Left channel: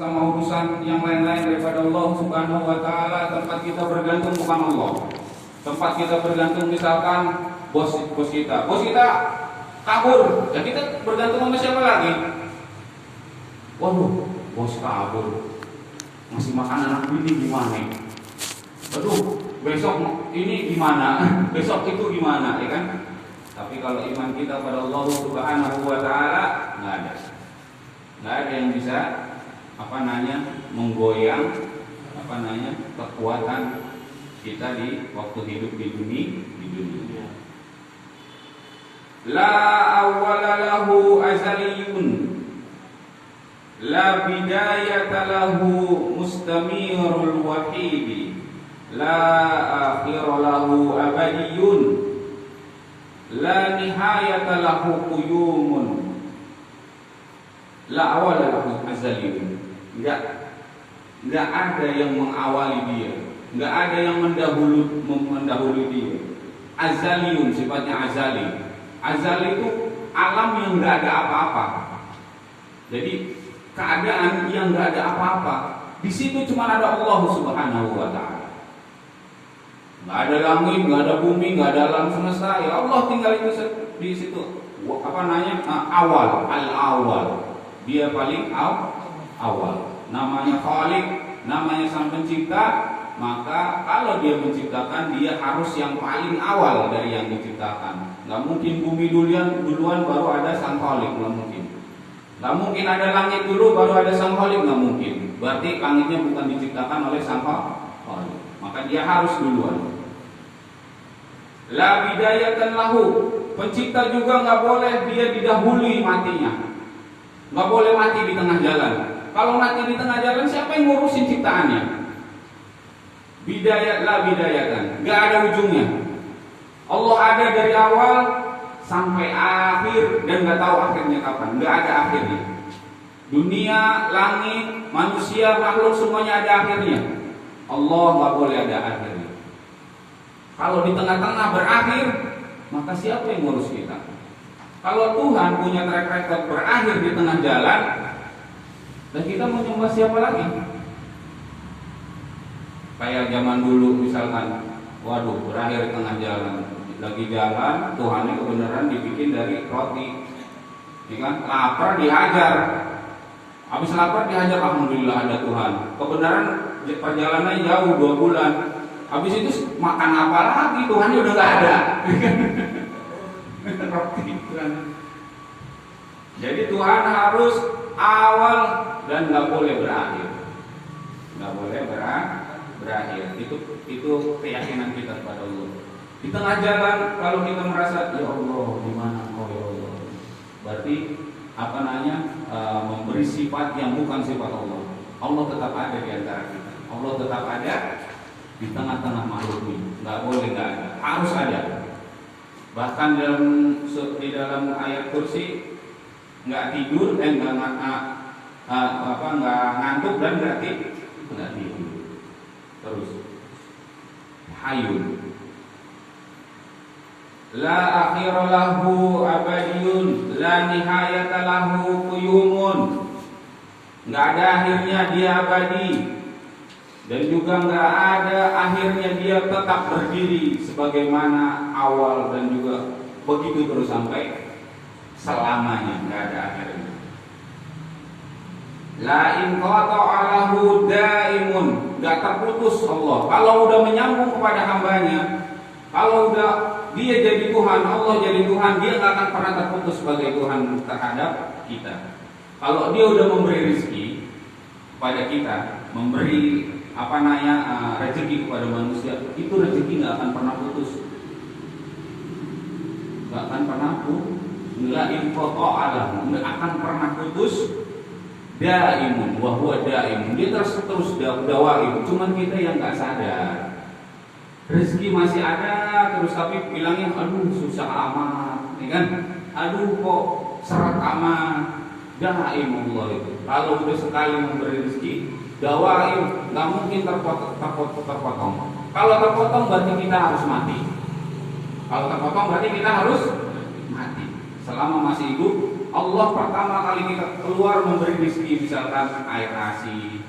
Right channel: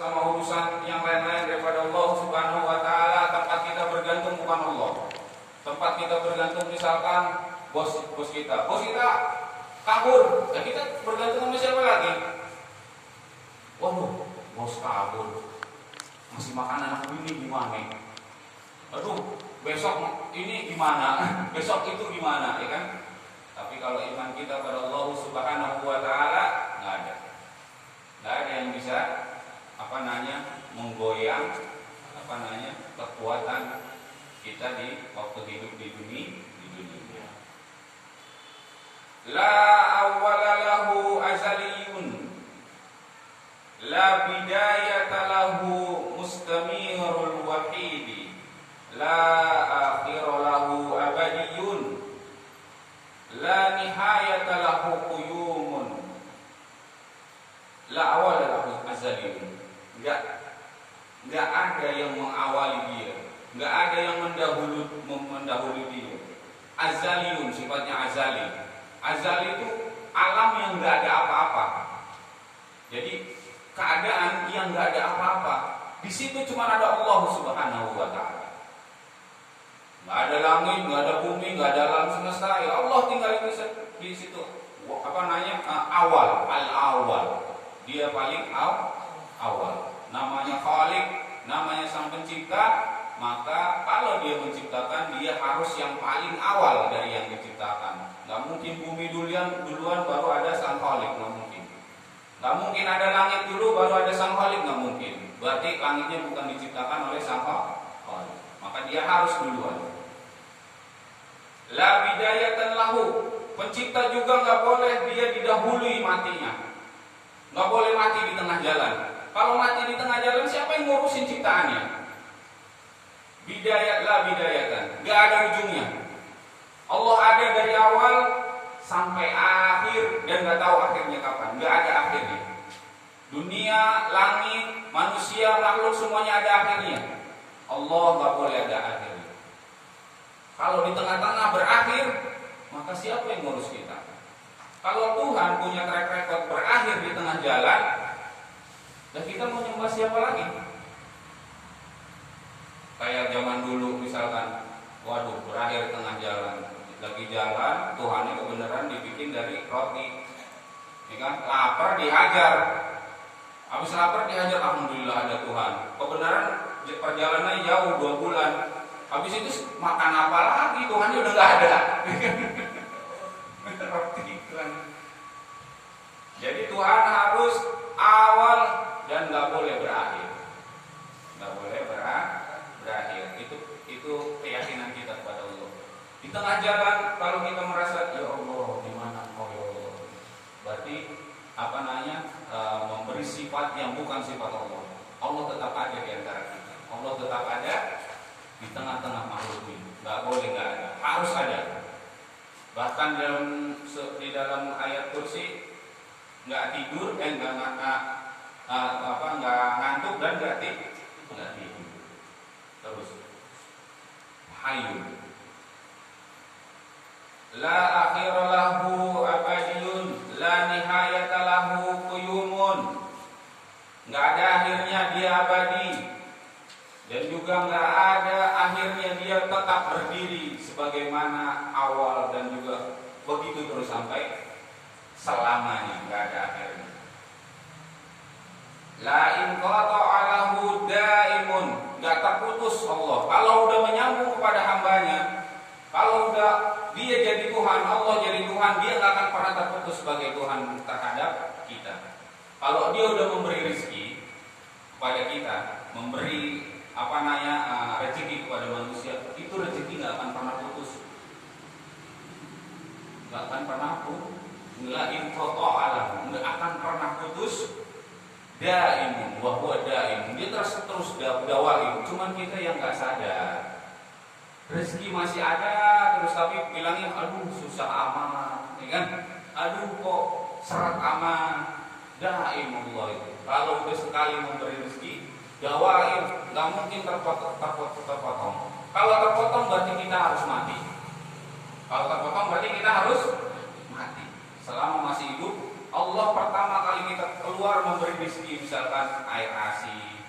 sama urusan yang lain-lain daripada Allah Subhanahu wa taala. Tempat kita bergantung bukan Allah. Tempat kita bergantung misalkan bos kita kabur, dan kita bergantung sama siapa lagi? Waduh, bos kabur, masih makan anak ini gimana? Aduh, besok ini gimana? Besok itu gimana, ya kan? Tapi kalau iman kita pada Allah Subhanahu wa taala, nggak ada yang bisa menggoyang kekuatan kita di waktu hidup di dunia. La awwala lahu azaliyun, la bidayata lahu mustamirul wahidi, la akhira lahu abadiyun, la nihayata lahu quyumun, la awwala lahu azaliyun. Enggak ada yang mengawali dia, enggak ada yang mendahului dia. Azaliyun sifatnya azali. Azali itu alam yang enggak ada apa-apa. Jadi keadaan yang enggak ada apa-apa. Di situ cuma ada Allah Subhanahu wa taala. Enggak ada langit, enggak ada bumi, enggak ada alam semesta. Ya Allah tinggal itu di situ. Awal, al-awwal. Dia paling awal. Namanya Khaliq, namanya Sang Pencipta. Maka kalau dia menciptakan, dia harus yang paling awal dari yang diciptakan. Gak mungkin bumi duluan baru ada Sang Khaliq, gak mungkin. Gak mungkin ada langit dulu baru ada Sang Khaliq, gak mungkin. Berarti langitnya bukan diciptakan oleh Sang Khaliq. Maka dia harus duluan. La bidayatan lahu. Pencipta juga gak boleh dia didahului matinya. Gak boleh mati di tengah jalan. Kalau mati di tengah jalan, siapa yang ngurusin ciptaannya? Bidayat la bidayatan, gak ada ujungnya. Allah ada dari awal sampai akhir dan gak tahu akhirnya kapan. Gak ada akhirnya. Dunia, langit, manusia, makhluk semuanya ada akhirnya. Allah gak boleh ada akhirnya. Kalau di tengah-tengah berakhir, maka siapa yang ngurus kita? Kalau Tuhan punya track record berakhir di tengah jalan, dan kita mau nyembah siapa lagi? Kayak zaman dulu misalkan, waduh berakhir di tengah jalan, lagi jalan, Tuhannya kebenaran dibikin dari roti, ya kan? Lapar dihajar, habis lapar dihajar, alhamdulillah ada Tuhan. Kebenaran perjalanannya jauh 2 bulan, habis itu makan apa lagi? Tuhannya udah nggak ada. Roti Tuhan. Jadi Tuhan harus awal dan nggak boleh berakhir, nggak boleh berakhir. Itu keyakinan kita kepada Allah. Di tengah jalan kalau kita merasa ya Allah di mana Engkau ya Allah, berarti memberi sifat yang bukan sifat Allah. Allah tetap ada di antara kita. Allah tetap ada di tengah-tengah makhluk ini. Nggak boleh nggak ada, harus ada. Bahkan di dalam ayat kursi nggak tidur, nggak ngantuk dan nggak tidur. Terus Hayyun, la akhira lahu abadiyun, la nihayata lahu quyumun. Nggak ada akhirnya, dia abadi. Dan juga nggak ada akhirnya, dia tetap berdiri sebagaimana awal, dan juga begitu terus sampai selamanya, nggak ada akhirnya. La inqata'a lahu daimun, nggak terputus Allah. Kalau udah menyambung kepada hambanya, kalau udah dia jadi Tuhan, Allah jadi Tuhan, dia nggak akan pernah terputus sebagai Tuhan terhadap kita. Kalau dia udah memberi rezeki kepada kita, memberi rezeki kepada manusia, itu rezeki nggak akan pernah putus, nggak akan pernah putus. La inqata'a lahu, nggak akan pernah putus. Daimun, wa huwa daimun, dia terus dawaim. Cuman kita yang nggak sadar. Rezeki masih ada, terus tapi bilangnya aduh susah amat, ya kan? Aduh kok seret amat. Daimullah itu. Kalau udah sekali memberi rezeki, dawaim, nggak mungkin terpotong. Kalau terpotong berarti kita harus mati. Kalau terpotong berarti kita harus mati. Selama masih hidup Allah pertama kali kita keluar memberi rezeki, misalkan air ASI,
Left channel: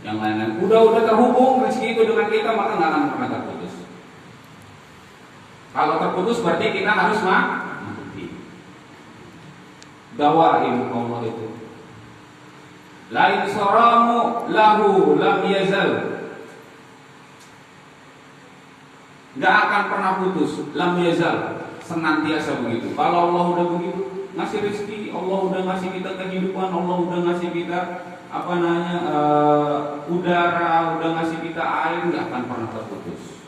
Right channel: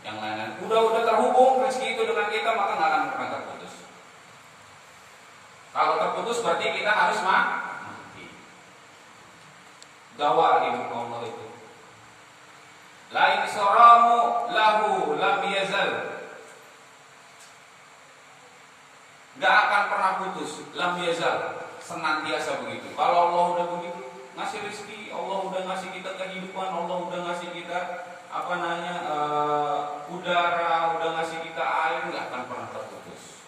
yang lain-lain, udah terhubung rezeki itu dengan kita, maka nggak akan pernah terputus. Kalau terputus berarti kita harus mati. Dawaim Allah itu. Lain saramu lahu lam yazal. Nggak akan pernah putus, lam yazal, senantiasa begitu. Kalau Allah udah begitu, ngasih rezeki, Allah udah ngasih kita kehidupan, Allah udah ngasih kita udara, udah ngasih kita air, nggak akan pernah terputus.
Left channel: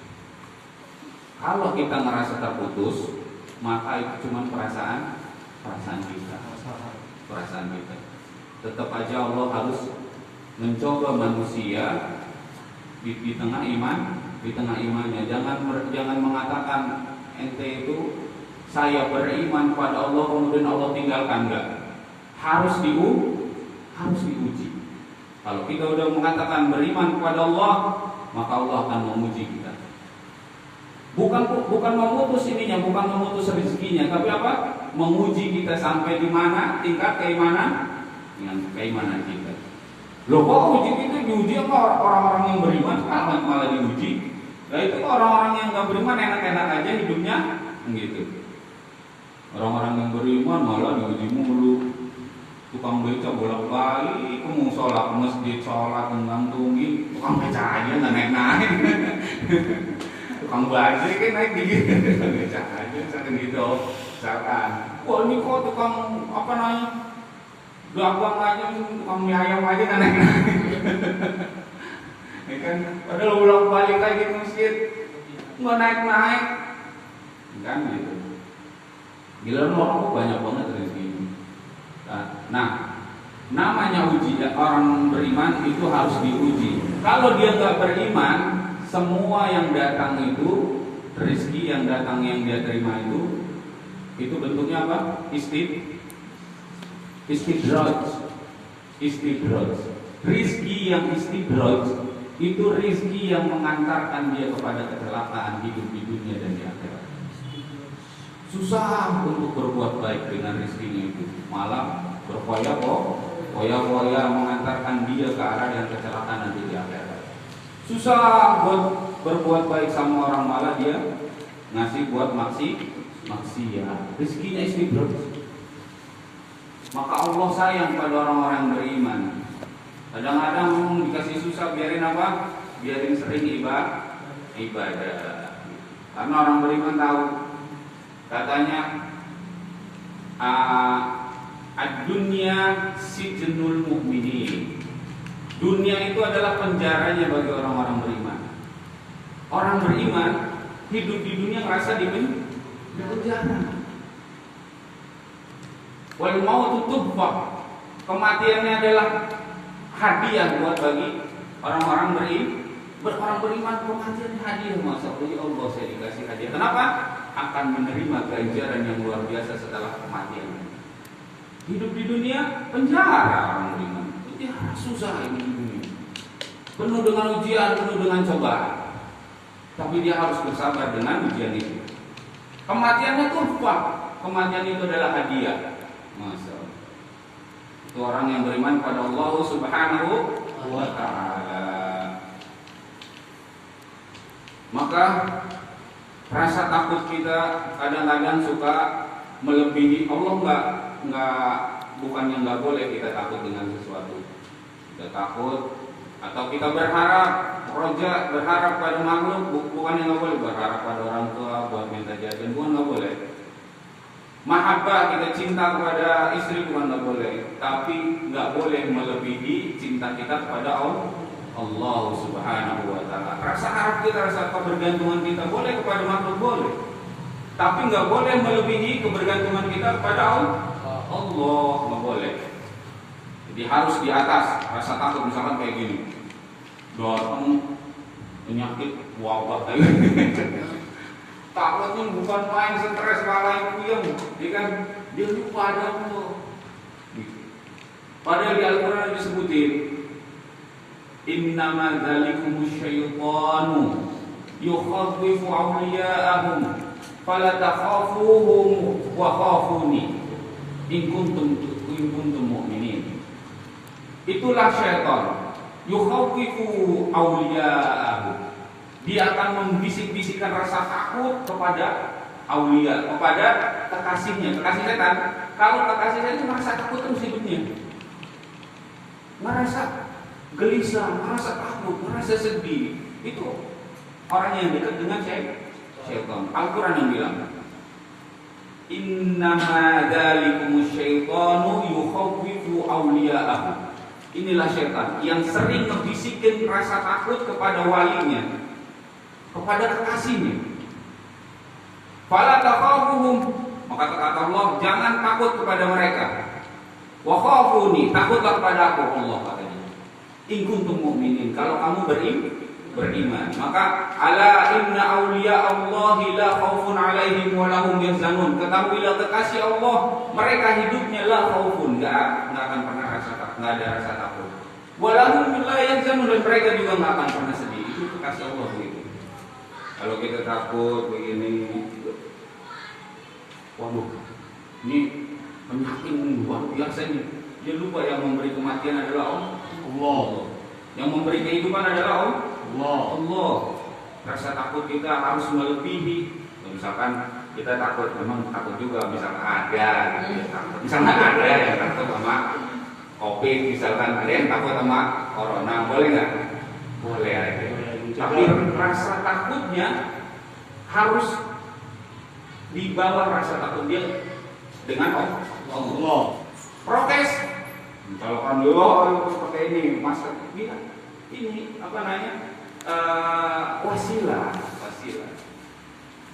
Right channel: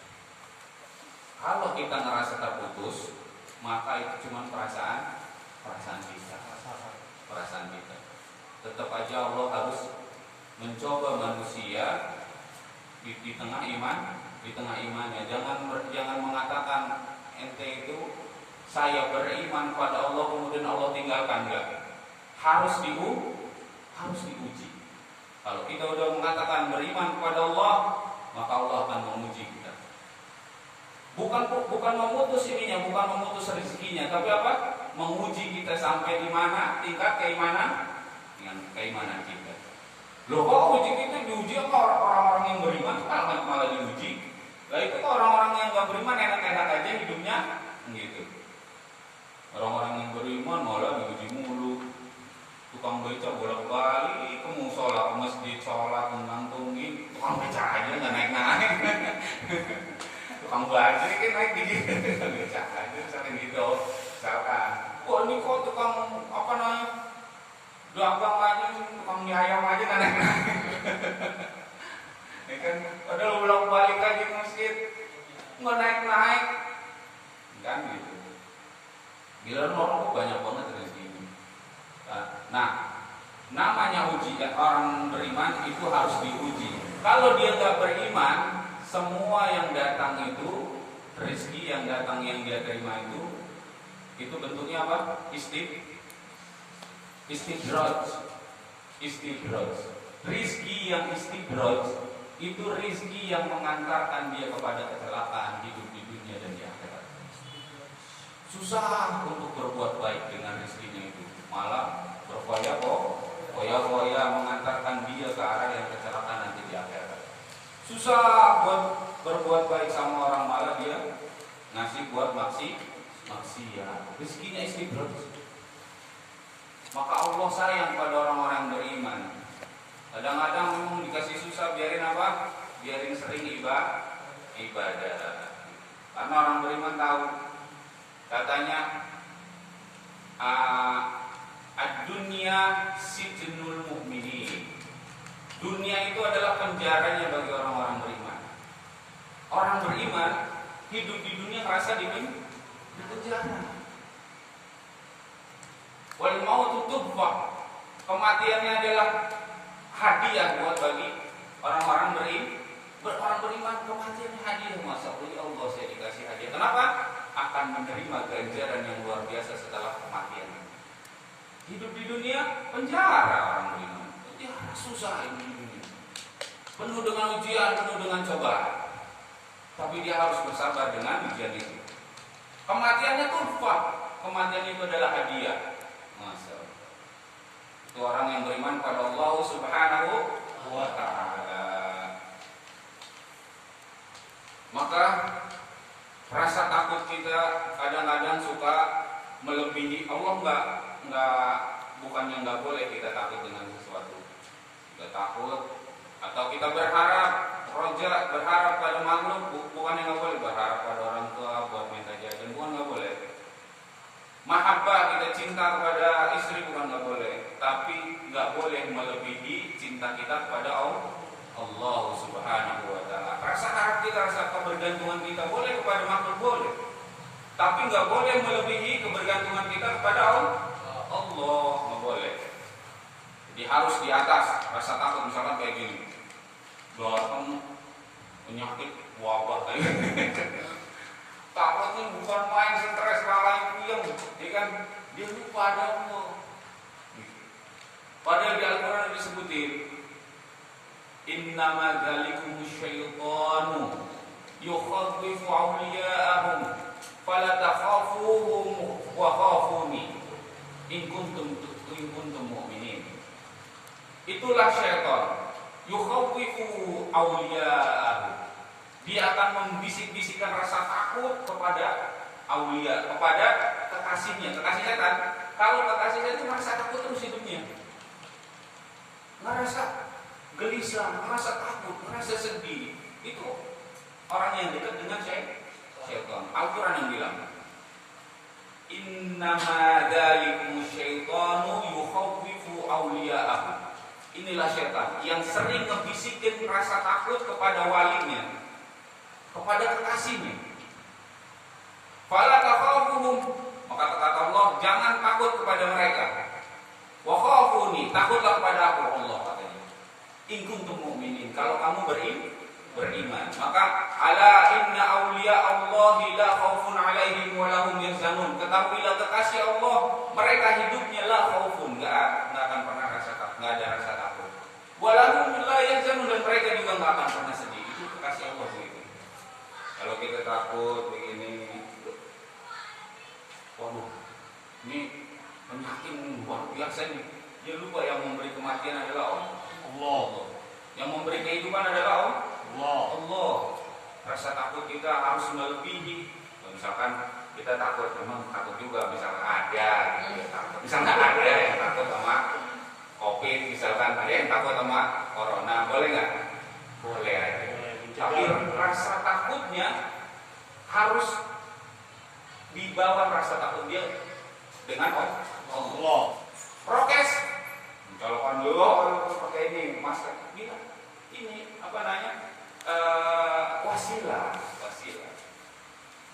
Kalau kita ngerasa terputus, maka itu cuma perasaan kita. Tetap aja Allah harus mencoba manusia di tengah imannya. Jangan mengatakan ente itu saya beriman pada Allah kemudian Allah tinggalkan, enggak. Harus diuji. Kalau kita udah mengatakan beriman kepada Allah, maka Allah akan menguji kita. Bukan memutus ininya, bukan memutus rezekinya, tapi apa? Menguji kita sampai di mana tingkat keimanan kita. Loh, kok uji kita diuji sama orang-orang yang beriman, malah diuji. Lah itu orang-orang yang nggak beriman enak-enak aja hidupnya, gitu. Orang-orang yang beriman malah diuji mulu. Tukang beca bolak-balik ke musola, ke masjid, sholat, ngantungin. Tukang beca aja nggak naik-naik. Tukang bajai kan naik dikit. Tukang beca aja sering gitu. Misalkan, wah ini kok tukang dagang aja, tukang mie ayam aja nggak naik-naik. Ya kan, padahal bolak-balik aja ke masjid, nggak naik-naik. Kan gitu. Gila orang kok banyak banget rezeki. Nah, namanya uji, orang beriman itu harus diuji. Kalau dia nggak beriman, semua yang datang itu, rezeki yang datang yang dia terima itu bentuknya apa? Istidraj. Rezeki yang istidraj itu rezeki yang mengantarkan dia kepada kecelakaan hidup di dunia dan di akhirat. Susah untuk berbuat baik dengan rezekinya itu, malah berfoya-foya mengantarkan dia ke arah yang kecelakaan nanti di akhirat. Susah buat berbuat baik sama orang, malah dia ngasih buat maksiat. Rezekinya istidraj. Maka Allah sayang pada orang-orang yang beriman. Kadang-kadang memang dikasih susah, biarin apa? Biarin sering ibadah. Karena orang beriman tahu, katanya ad-dunya sijnul mu'minin. Dunia itu adalah penjaranya bagi orang-orang beriman. Orang beriman hidup di dunia ngerasa di penjara. Wal mautu tubwa, kematiannya adalah hadiah buat bagi orang-orang beriman. Kematiannya hadiah, masa Allah saya dikasih hadiah. Kenapa? Akan menerima ganjaran yang luar biasa setelah kematian. Hidup di dunia penjara orang beriman. Itu susah ini di dunia. Penuh dengan ujian, penuh dengan cobaan. Tapi dia harus bersabar dengan ujian itu. Kematiannya turfa. Kematian itu adalah hadiah. Masya Allah. Itu orang yang beriman pada Allah Subhanahu wa ta'ala. Maka rasa takut kita kadang-kadang suka melebihi. Allah bukannya nggak boleh kita takut dengan sesuatu. Kita takut atau kita berharap pada makhluk, bukannya nggak boleh. Berharap pada orang tua buat minta jajan, bukan nggak boleh. Mahabbah, kita cinta kepada istri, bukan nggak boleh. Tapi nggak boleh melebihi cinta kita kepada Allah Subhanahu wa ta'ala. Rasa harap kita, rasa kebergantungan kita boleh kepada makhluk, boleh. Tapi nggak boleh melebihi kebergantungan kita kepada Allah, nggak boleh. Jadi harus di atas. Rasa takut misalkan kayak gini, datang penyakit wabah kayak takutnya bukan main, stres, malah yang puyeng, dia lupa ada Allah. Padahal di Al-Quran disebutin, innama dzalikumus syaitanu yukhawwifu awliya'ahum fala takhafuhum wa khafuni In kuntum mu'minin. Itulah syaitan. Yukhawwifu awliya'ahu. Dia akan membisik-bisikkan rasa takut kepada aulia, kepada kekasihnya. Kekasih setan. Kalau kekasih setan itu merasa takut terus hidupnya. Merasa gelisah, merasa takut, merasa sedih. Itu orang yang dekat dengan syaitan. Al-Quran yang bilang, innama dzalikumus syaitanu yukhawwifu awliya'ahu. Inilah syaitan yang sering ngebisikin rasa takut kepada walinya, kepada kekasihnya. Fala takhafuhum, maka kata Allah, jangan takut kepada mereka. Wa khafuni, takutlah kepada aku, Allah katanya. In kuntum mu'minin, kalau kamu beriman. Maka ala inna awliya Allahi la khaufun alaihim wa lahum yahzanun. Ketahuilah kekasih Allah, mereka hidupnya la khaufun, enggak akan pernah enggak ada rasa takut. Wa lahum la yahzanun, dan mereka juga enggak akan pernah sedih. Itu kekasih Allah begitu. Kalau kita takut begini, waduh, ini penyakit luar biasa ini. Dia lupa yang memberi kematian adalah Allah. Yang memberi kehidupan adalah Allah. Rasa takut kita harus melebihi. Ya, misalkan kita takut, memang takut juga. Misalkan ada, gitu ya, takut. Misalkan ada yang takut sama COVID, misalkan ada yang takut sama corona, boleh nggak? Boleh aja. Tapi rasa takutnya harus dibawa rasa takut dia dengan Allah. Prokes. Kalau kan dulu harus pakai ini masker. Ini apa namanya? Wasilah.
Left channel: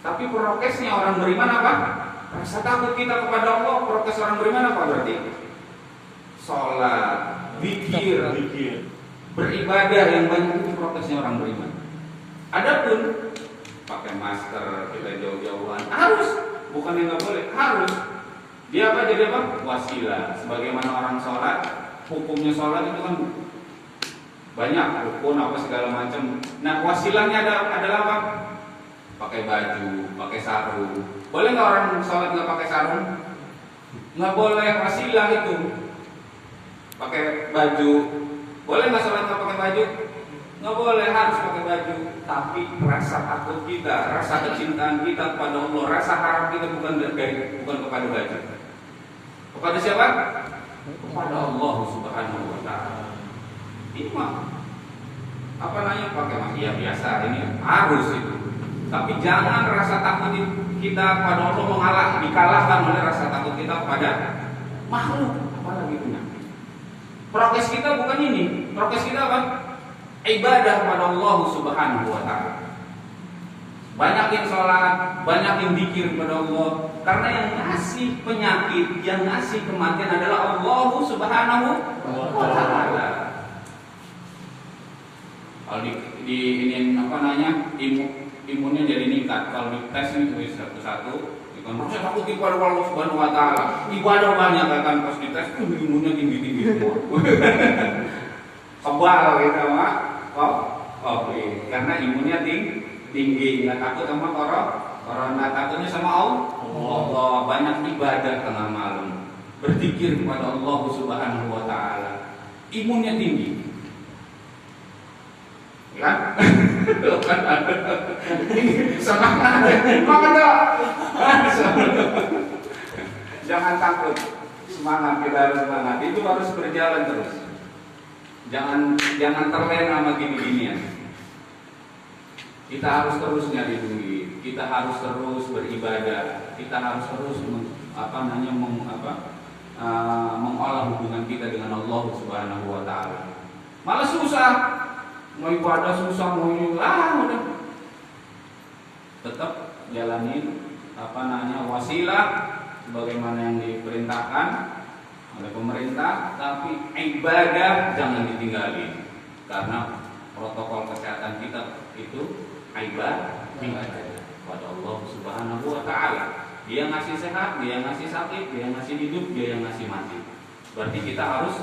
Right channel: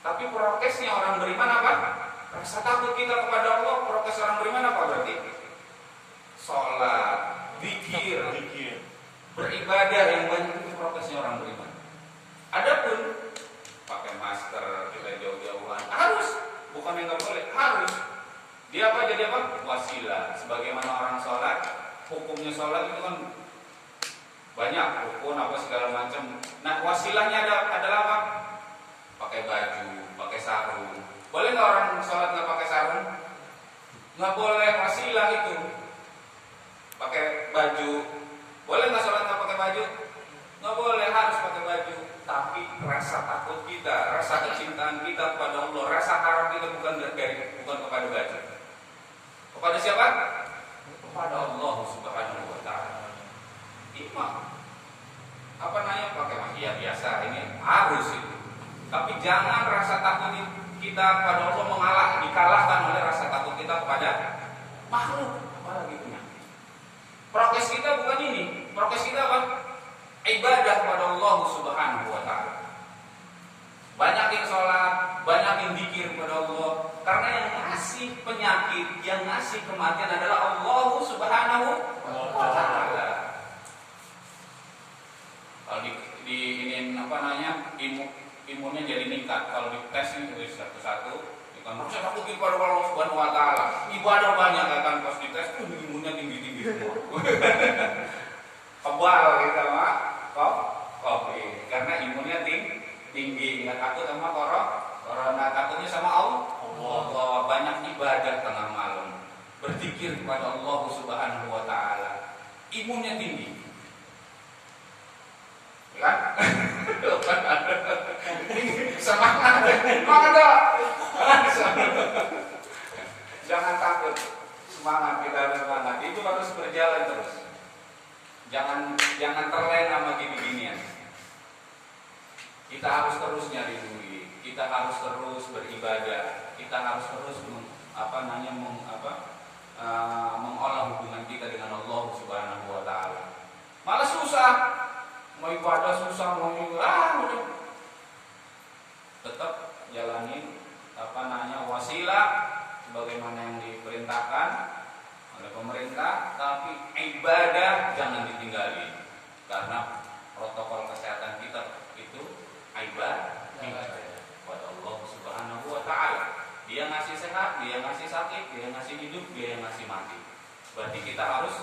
Tapi prokesnya orang beriman apa? Rasa takut kita kepada Allah. Prokes orang beriman apa berarti? Sholat, zikir, beribadah yang banyak, itu prokesnya orang beriman. Adapun pakai masker, kita jauh-jauhan harus, bukan yang nggak boleh, harus. Dia apa? Jadi apa? Wasilah. Sebagaimana orang sholat, hukumnya sholat itu kan banyak rukun apa segala macam. Nah, wasilahnya adalah apa? Pakai baju, pakai sarung. Boleh nggak orang sholat nggak pakai sarung? Nggak boleh. Wasilah itu. Pakai baju. Boleh nggak sholat nggak pakai baju? Nggak boleh, harus pakai baju. Tapi rasa takut kita, rasa kecintaan kita kepada Allah, rasa harap kita bukan kepada baju. Kepada siapa? Kepada Allah Subhanahu wa ta'ala. Ini mah apa namanya, pakai ya biasa, ini harus itu. Tapi jangan rasa takut kita kepada Allah dikalahkan oleh rasa takut kita kepada makhluk, apalagi punya. Prokes kita bukan ini. Prokes kita apa? Ibadah kepada Allah Subhanahu wa ta'ala. Banyakin sholat, banyakin zikir kepada Allah. Karena yang ngasih penyakit, yang ngasih kematian adalah Allah Subhanahu wa ta'ala. Kalau di ini apa namanya, imunnya jadi meningkat. Kalau dites ini satu-satu, kita merasa takut kepada Allah Subhanahu wa ta'ala. Ibadah banyak kan, pas dites imunnya tinggi-tinggi semua. Kebal gitu mah. Oke, karena imunnya tinggi, nggak takut sama corona, takutnya sama Allah. Banyak ibadah tengah malam, berzikir kepada Allah Subhanahu wa ta'ala, imunnya tinggi. Ya? Jangan takut, semangat, kita harus semangat. Itu harus berjalan terus. Jangan terlena sama gini-ginian. Kita harus terus nyari duit, kita harus terus beribadah, kita harus terus mengolah hubungan kita dengan Allah Subhanahu wa ta'ala. Malah susah, mau ibadah susah, mau ini udah. Tetap jalanin wasilah sebagaimana yang diperintahkan oleh pemerintah, tapi ibadah jangan ditinggalin. Karena protokol kesehatan kita itu ibadah kepada Allah Subhanahu wa ta'ala. Dia ngasih sehat, dia ngasih sakit, dia ngasih hidup, dia yang ngasih mati. Berarti kita harus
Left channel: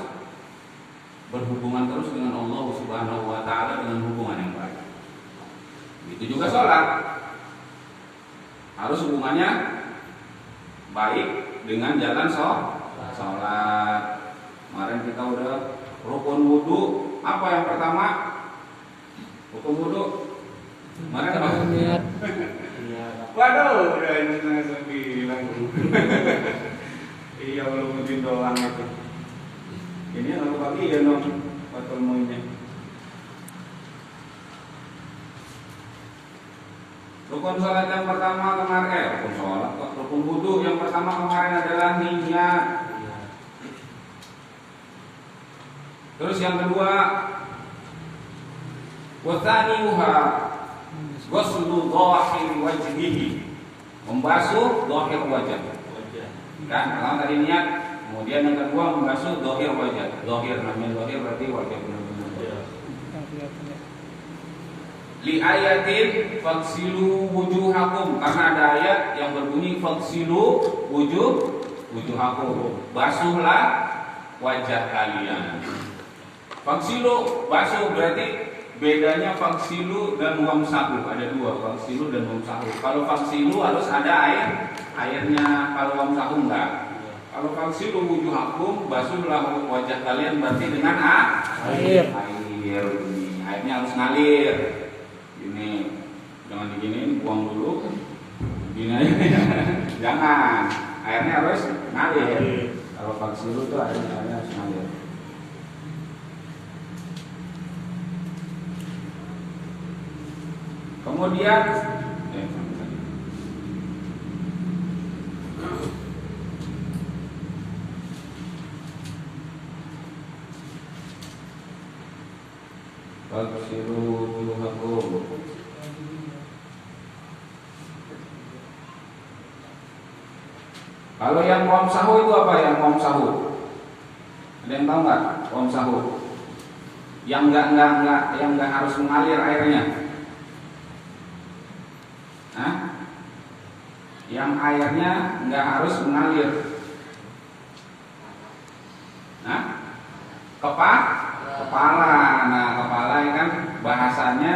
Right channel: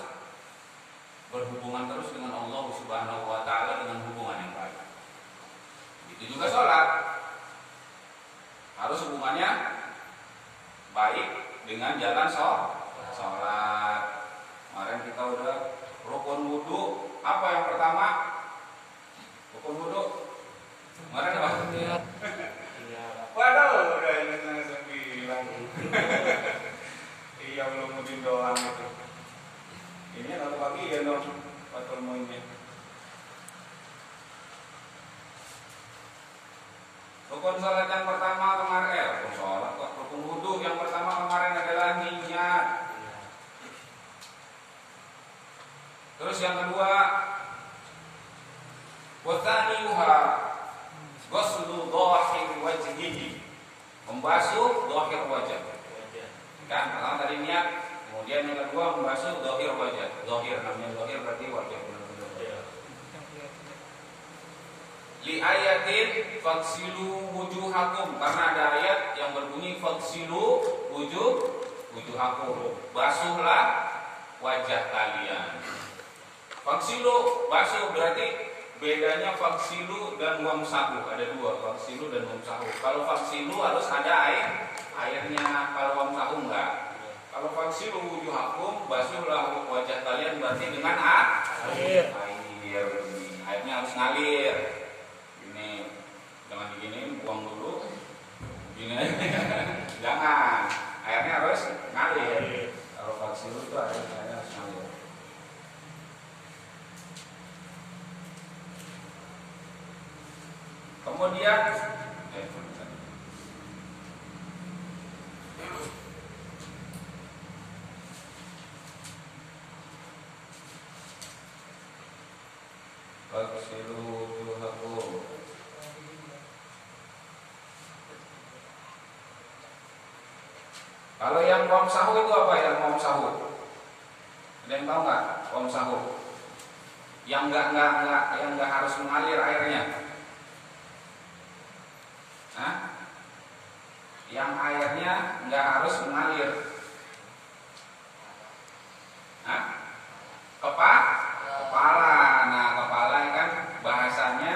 berhubungan terus dengan Allah Subhanahu wa ta'ala dengan hubungan yang baik. Itu juga sholat. Harus hubungannya baik dengan jalan yang pertama hukum wudu. Mana Pak? Iya. Waduh, udah ini setengah 9. Iya belum mungkin doang itu. Ini kalau pagi ya dong, waktu ilmunya. Rukun sholat yang pertama kemarin, rukun sholat kok, rukun wudu yang pertama kemarin adalah niat. Terus yang kedua, wathaniuha ghuslu dhahir wajhihi, membasuh dhahir wajah. Kan, kalau tadi niat, kemudian yang kedua membasuh dhahir wajah. Dhahir namanya dhahir berarti wajah benar-benar. Li ayatin faksilu wujuhakum, karena ada ayat yang berbunyi faksilu wujuhakum, basuhlah wajah kalian. Faksilu basuh berarti bedanya faksilu dan wamsahu, ada dua, faksilu dan wamsahu. Kalau faksilu harus ada airnya, kalau wamsahu enggak. Kalau faksilu wujuhakum, basuhlah wajah kalian berarti dengan air. Airnya harus ngalir. Ini jangan diginiin, buang dulu. Gini aja. Jangan. Airnya harus ngalir. Kalau faksilu itu airnya harus ngalir. Kemudian faksilu wujuhakum. Kalau yang wamsahu itu apa yang wamsahu? Ada yang tahu nggak wamsahu? Yang enggak harus mengalir airnya. Hah? Yang airnya enggak harus mengalir. Hah? Kepala. Nah, kepala kan bahasanya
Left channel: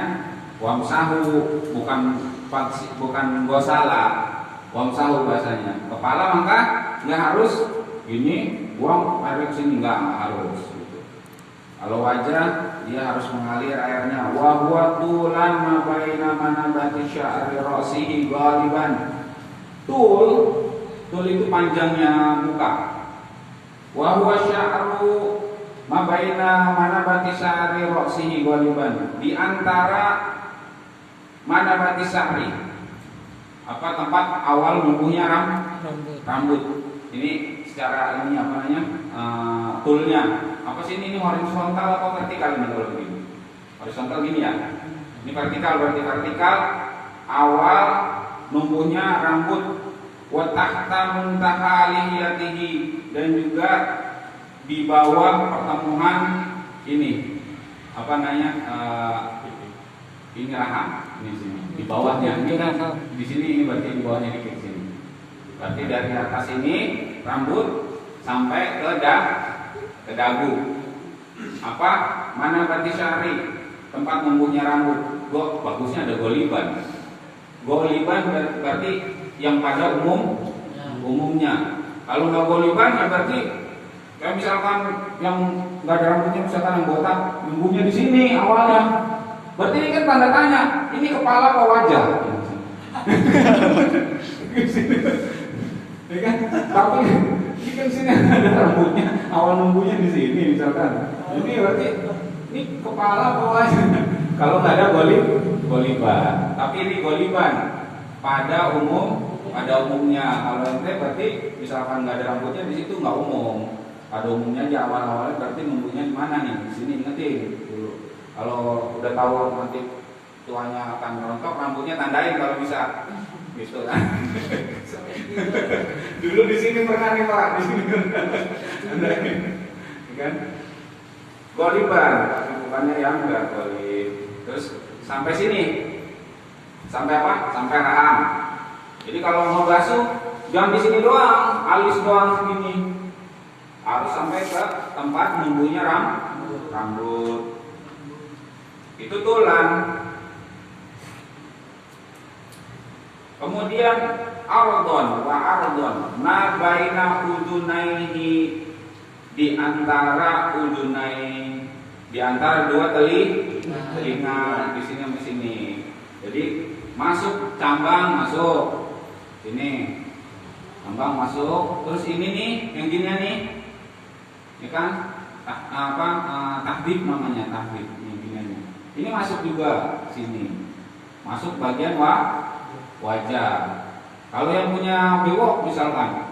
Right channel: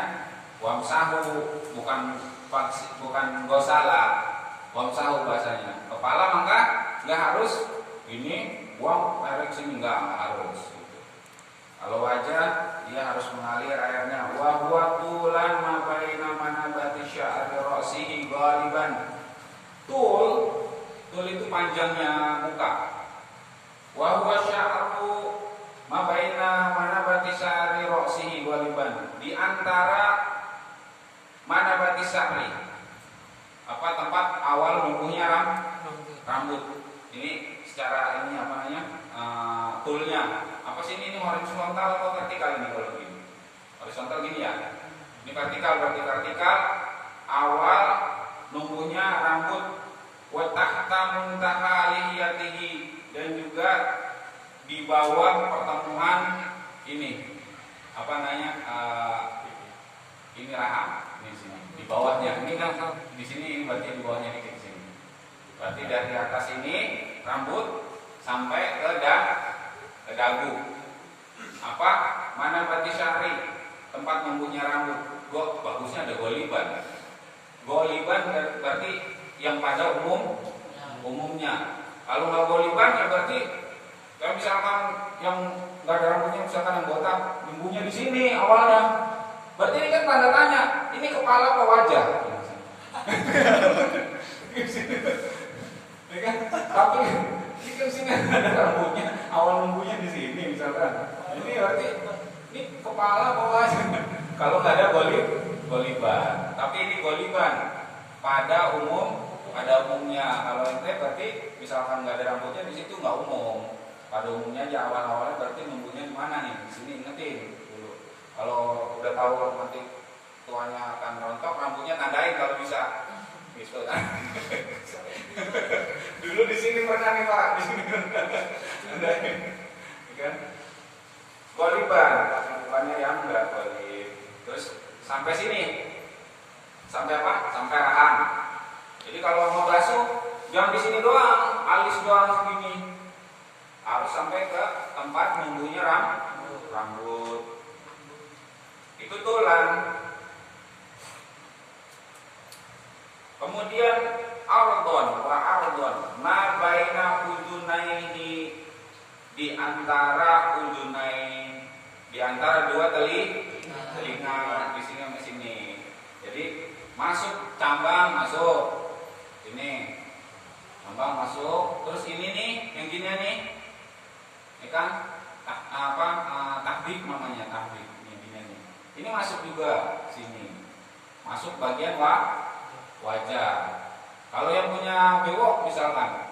wamsahu, bukan gosala. Wamsahu bahasanya. Kepala maka enggak harus ini buang air ke sini, enggak harus gitu. Kalau wajah dia harus mengalir airnya. Wa huwa tulan ma baina manabati sya'ri ra'sihi ghaliban. Tul itu panjangnya muka. Wa huwa sya'ru ma baina manabati sya'ri ra'sihi ghaliban. Di antara manabati sya'ri, apa tempat awal numbuhnya rambut. Ini secara ini apa namanya? Tulnya. Apa sih ini horizontal atau vertikal ini kalau begini? Horizontal gini ya. Ini vertikal, berarti vertikal awal numbuhnya rambut, wa tahta muntaha lihiyatihi, dan juga di bawah pertemuan ini apa namanya? Ini rahang, ini sini. Di bawahnya ini kan di sini, ini berarti di bawahnya dikit sini. Berarti dari atas ini rambut sampai ke dagu. Apa? Mana berarti syari, tempat numbuhnya rambut. Bagusnya ada goliban. Goliban berarti yang pada umumnya. Kalau nggak goliban ya berarti kayak misalkan yang nggak ada rambutnya, misalkan yang botak, numbuhnya di sini awalnya. Berarti ini kan tanda tanya, ini kepala apa wajah? Ya kan? Tapi ini kan sini ada rambutnya, awal numbuhnya di sini misalkan. Ini berarti ini kepala apa wajah? Kalau nggak ada goliban, tapi ini goliban pada umumnya. Kalau ente berarti misalkan nggak ada rambutnya di situ nggak umum. Pada umumnya aja awal-awalnya berarti numbuhnya di mana nih? Di sini ingetin dulu. Kalau udah tahu nanti tuanya akan rontok, rambutnya tandain kalau bisa, gitu kan? Dulu di sini pernah nih Pak, di sini tandain, kan? Goliban, bukannya yang enggak golib. Terus sampai sini, sampai apa? Sampai rahang. Jadi kalau mau basuh, jangan di sini doang, alis doang segini, harus sampai ke tempat numbuhnya rambut. Itu tulang. Kemudian ardhon ma baina udunaihi, di antara udunaini, di antara dua telinga di sini sama sini. Jadi masuk cambang masuk sini, cambang masuk, terus ini nih yang gini nih, ini kan tahbib namanya, tahbib ini gini nih. Ini masuk juga sini, masuk bagian wajah. Kalau yang punya bewok misalkan,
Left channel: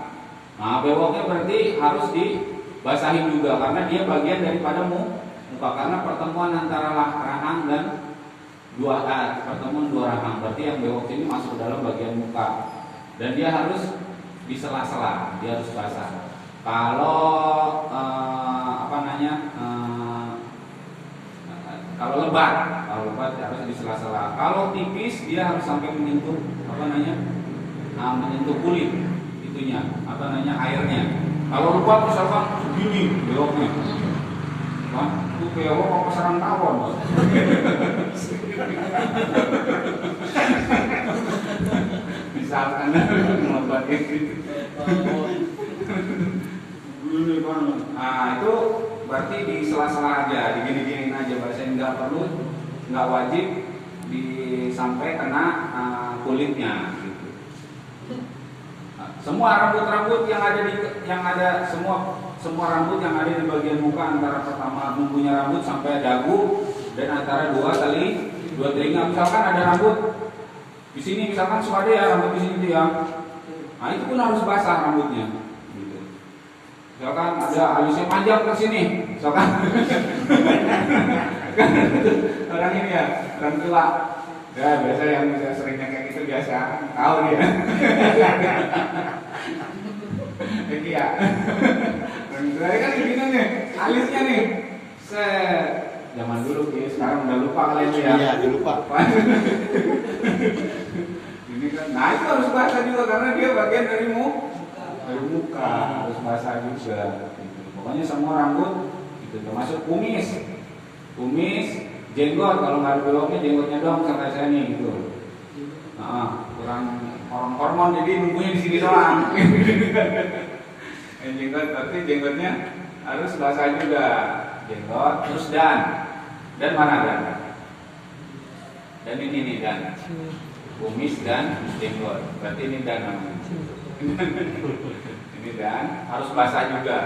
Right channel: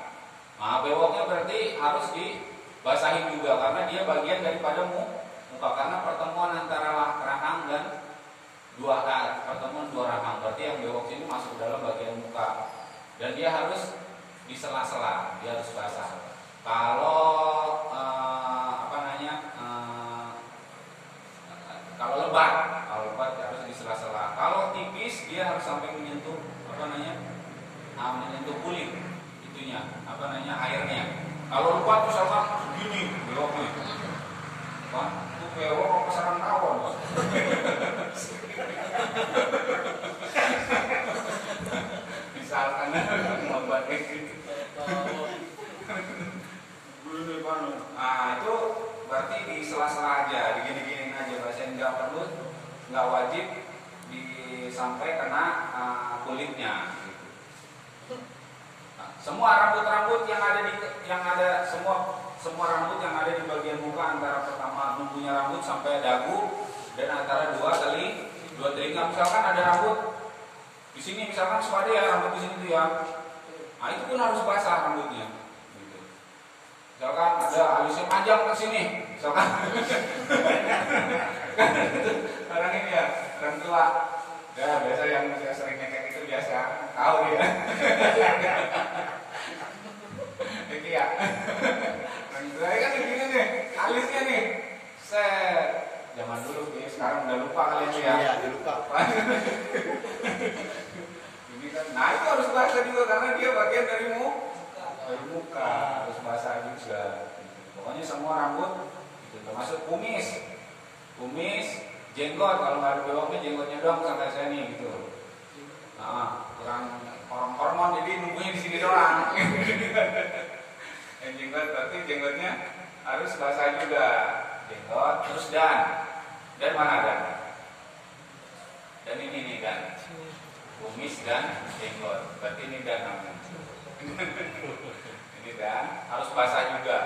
nah bewoknya berarti harus dibasahin juga karena dia bagian daripada muka, karena pertemuan antara rahang dan pertemuan dua rahang, berarti yang bewok ini masuk dalam bagian muka dan dia harus di sela-sela, dia harus basah. Kalau kalau lebat harus di sela-sela. Kalau tipis dia harus sampai menyentuh menyentuh kulit itunya, airnya. Kalau lebat misalkan begini bewoknya, kan itu bewok apa sarang tawon. Misalkan membuat gitu. Nah itu berarti di sela-sela aja, digini-giniin aja, bahasa nggak wajib sampai kena kulitnya. Gitu. Nah, semua rambut-rambut semua rambut yang ada di bagian muka antara pertama numbuhnya rambut sampai dagu dan antara dua telinga. Misalkan ada rambut di sini, misalkan suka ada ya rambut di sini tuh ya. Nah itu pun harus basah rambutnya. Gitu. Misalkan ada alisnya panjang ke sini, misalkan orang ini ya, orang tua. Ya biasa yang seringnya kayak gitu biasa, tahu dia. Ini ya. Orang tua kan gini nih, alisnya nih. Zaman dulu ya, sekarang udah lupa kalian ya. Iya, lupa. Ini kan, nah itu harus basah juga karena dia bagian dari muka, harus basah juga. Gitu. Pokoknya semua rambut, itu termasuk kumis, jenggot. Kalau nggak ada bewoknya, jenggotnya doang sampai saya nih gitu. Kurang hormon jadi nunggunya di sini doang. Jenggot berarti jenggotnya harus basah juga. Jenggot, terus dan mana dan? Dan ini nih dan. Kumis dan jenggot. Berarti ini dan namanya. Ini dan harus basah juga.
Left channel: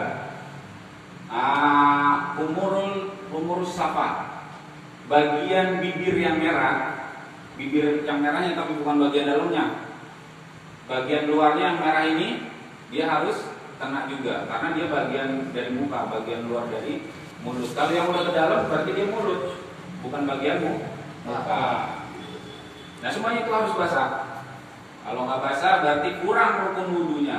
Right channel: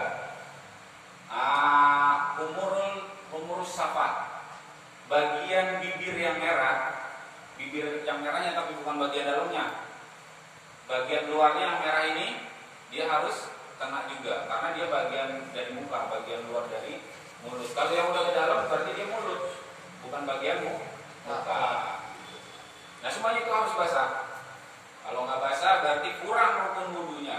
Umur safat. Bagian bibir yang merah, bibir yang merahnya tapi bukan bagian dalamnya. Bagian luarnya yang merah ini dia harus kena juga karena dia bagian dari muka, bagian luar dari mulut. Kalau yang udah ke dalam berarti dia mulut, bukan bagian muka. Nah semuanya itu harus basah. Kalau nggak basah berarti kurang rukun wudunya.